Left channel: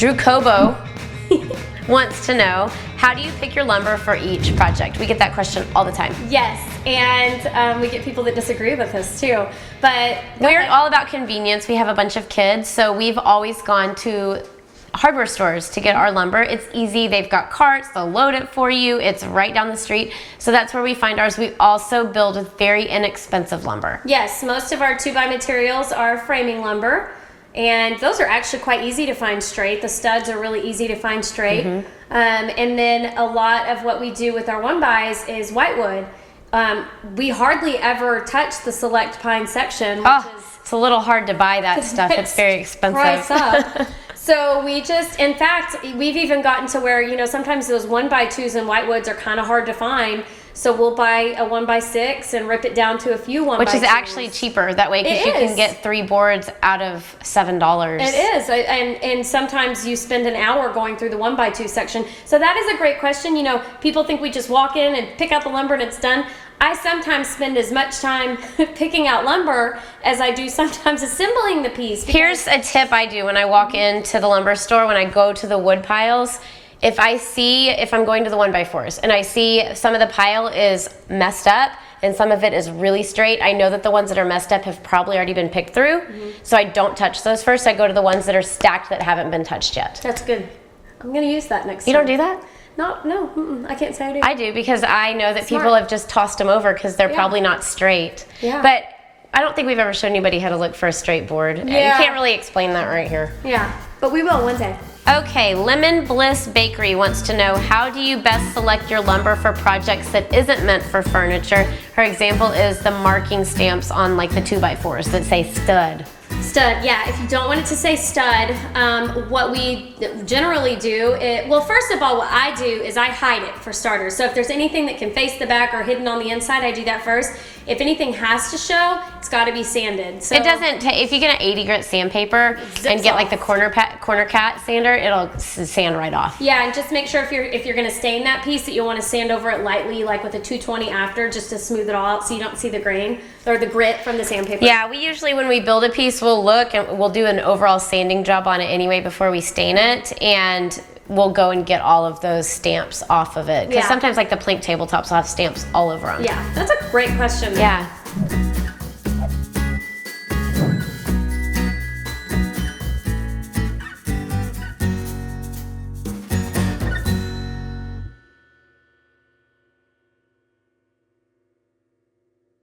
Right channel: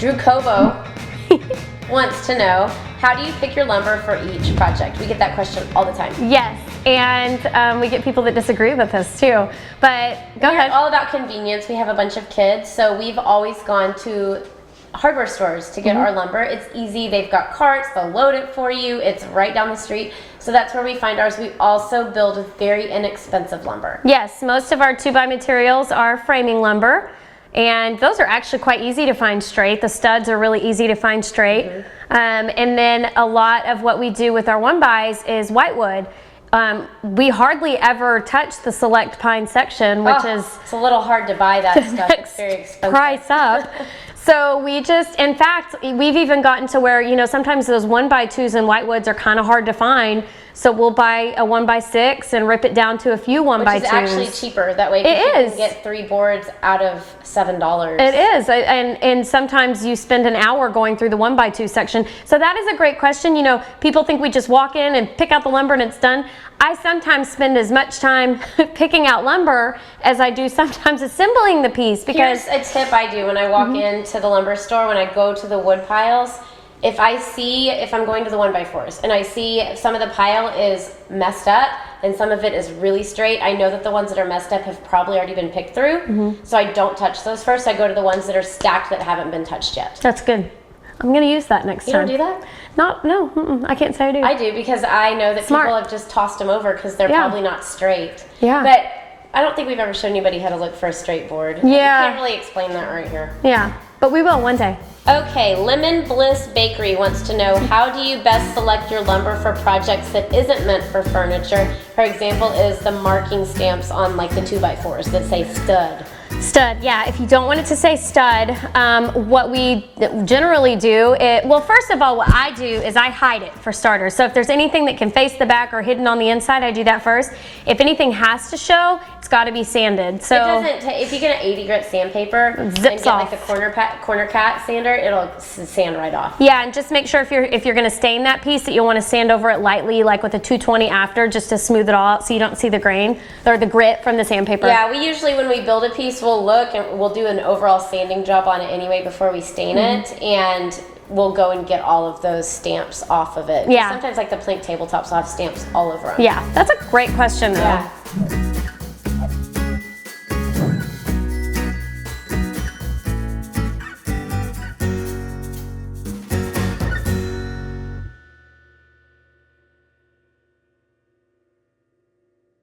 Drew Cobo wants to know, how do you pick your lumber for each project? We get that question all the time. Yes, and we get people that disagree with us too. But we're all about convenience. We have a bunch of kids, so we've always gone to hardware stores to get our lumber. It's easy. They've got carts. They'll load it for you. It's right down the street. So that's where we find ours. We also build with very inexpensive lumber. Yes, most of our 2x materials are framing lumber, and those are actually quite easy to find straight. The studs are really easy to find straight. And then a lot of what we do with our 1x is whitewood. We hardly ever touch the select pine section, which is... It's a little hard to buy that stuff. It's very expensive. Price up. So we just, in fact, we've even gotten to where, you know, sometimes those 1x2s and whitewoods are kind of hard to find. So we'll buy a 1x6 and rip it down to a few 1x2s. Which is actually cheaper that way, because you can get 3 boards out of $7. It is, and sometimes you spend an hour going through the 1x2 section. So that is a great question. You know, people think we just walk in and pick out the lumber and it's done. I sometimes spend as much time picking out lumber as I do sometimes assembling the piece. Here's a tip I do when I walk into the lumber store, when I go to the wood piles. If I'm going to the 1x4s and I see some of the pile is messed up and some of it is really straight, I know that the ones that are messed up have probably already been picked through. So I don't touch those first. I go to the ones that are stacked that haven't been touched yet. That's good. I'm going to use that next time. You don't do that? No, I can't say I do. I do, because I know that people have just tossed them over because they're probably not straight. Yeah. But I don't think we've ever shown anybody how to look for a straight board. Yeah. You can't really explain that right here. Yeah, but we will one day. Okay, Lemon Bliss Bakery wants to know, how do you best select your lumber for projects that isn't meant for furniture? Her example is the marking stamps on like the 2x4s that say stud. Stud, yeah. If you don't want it to say stud, what we generally do, well, first of all, what I do is I hide it for starters. So if there's anything that can face the back or hidden on the inside, I do that first. If anything has to show, it's got to be sanded. So it doesn't. If you get an 80 grit sandpaper and get like the corner cat sander, it'll sand right off. Yeah, and just make sure if you're going to stain that piece that you'll want to sand over it lightly, like with a 220 after, just to smooth it all out so you don't see the grain or the grit from the sandpaper. Yeah, we usually, when we build a piece, we'll look and we'll do an overall sanding job on it anyway before we stain it, and we'll go and get all of those stamps off of it. Yeah. Sometimes like the plank tabletops will have stamps all over them. Yeah, that's a great question. Yeah.